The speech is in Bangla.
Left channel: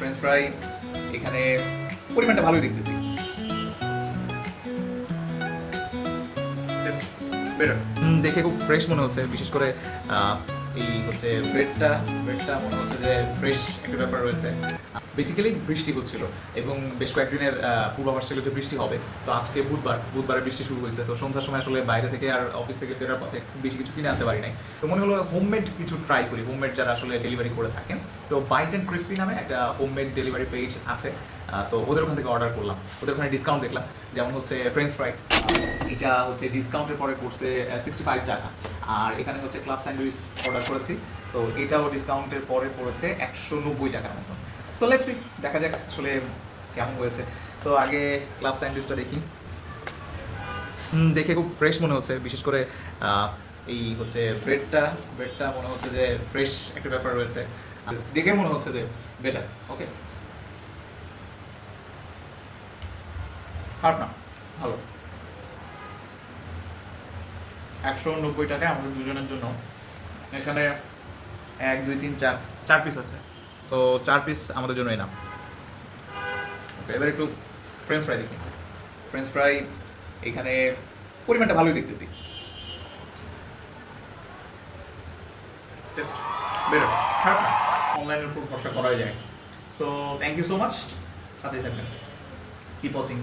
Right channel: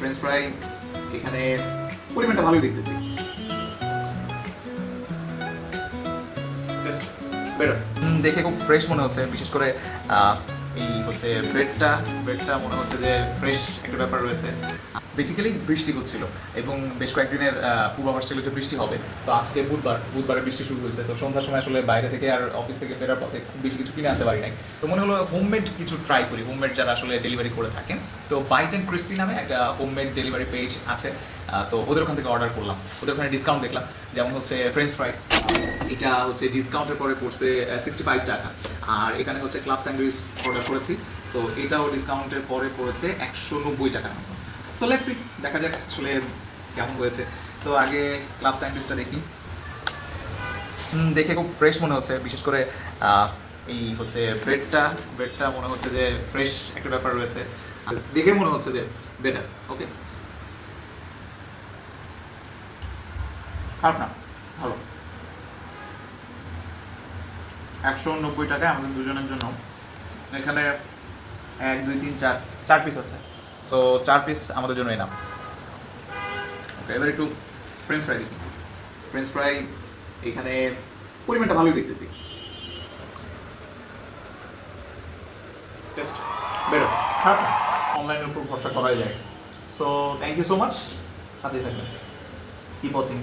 ফ্রেঞ্চ ফ্রাই এখানে পরিমাণটা ভালোই দেখতেছি। দেখে খুব ফ্রেশ মনে হচ্ছে, বিশেষ করে এই হচ্ছে ব্রেডটা মনে হচ্ছে যে ফ্রেশ একটা ব্যাপার রয়েছে। বেসিক্যালি বৃষ্টি হচ্ছিল এবং বেশ কয়েকদিনের পূর্বাভাস ছিল যে বৃষ্টি হবে। তো আজকে বুধবারে বৃষ্টি শুরু হয়েছে। তো সন্ধ্যার সময় আসলে বাইরে থেকে আর অফিস থেকে ফেরার পথে খুব বেশি কিছু কিনে আনতে পারি নাই। তো মনে হলো হোমমেড কিছু ট্রাই করি, হোমমেড যারা আসলে ডেলিভারি করে থাকেন। তো বাইট অ্যান্ড ক্রিস্পি নামে একটা হোমমেড ডেলিভারি পেজ আছে। তো ওদের ওখান থেকে অর্ডার করলাম। ওদের ওখানে ডিসকাউন্ট দেখলাম, যেমন হচ্ছে ফ্রেঞ্চ ফ্রাই, এটা হচ্ছে ডিসকাউন্টের পরে পড়ছে 65 টাকা। আর এখানে হচ্ছে ক্লাব স্যান্ডউইচ অর্ডার করেছি, সো এটাও ডিসকাউন্টের পরে পড়েছে 190 টাকার মতো। সো লেটস সি, দেখা যাক আসলে কেমন হয়েছে। তো আগে ক্লাব স্যান্ডউইচটা দেখি। দেখে খুব ফ্রেশ মনে হচ্ছে, বিশেষ করে এই হচ্ছে ব্রেডটা মনে হচ্ছে যে ফ্রেশ একটা ব্যাপার রয়েছে। দেখে মনে হচ্ছে যে বেটার। ওকে, খারাপ না, ভালো। 190 টাকায় আমাদের দুজনের জন্য এখানে 1 2 3 4 পিস হচ্ছে। সো 4 পিস আমাদের জন্য এনাফ। ওকে, এবার একটু ফ্রেঞ্চ ফ্রাই দেখি। ফ্রেঞ্চ ফ্রাই এখানে পরিমাণটা ভালোই দেখতেছি। টেস্ট বেটার, খারাপ না, অনলাইনের উপর ভরসা করাই যায়। So thank you so much, সাথে থাকবেন, কিপ ওয়াচিং।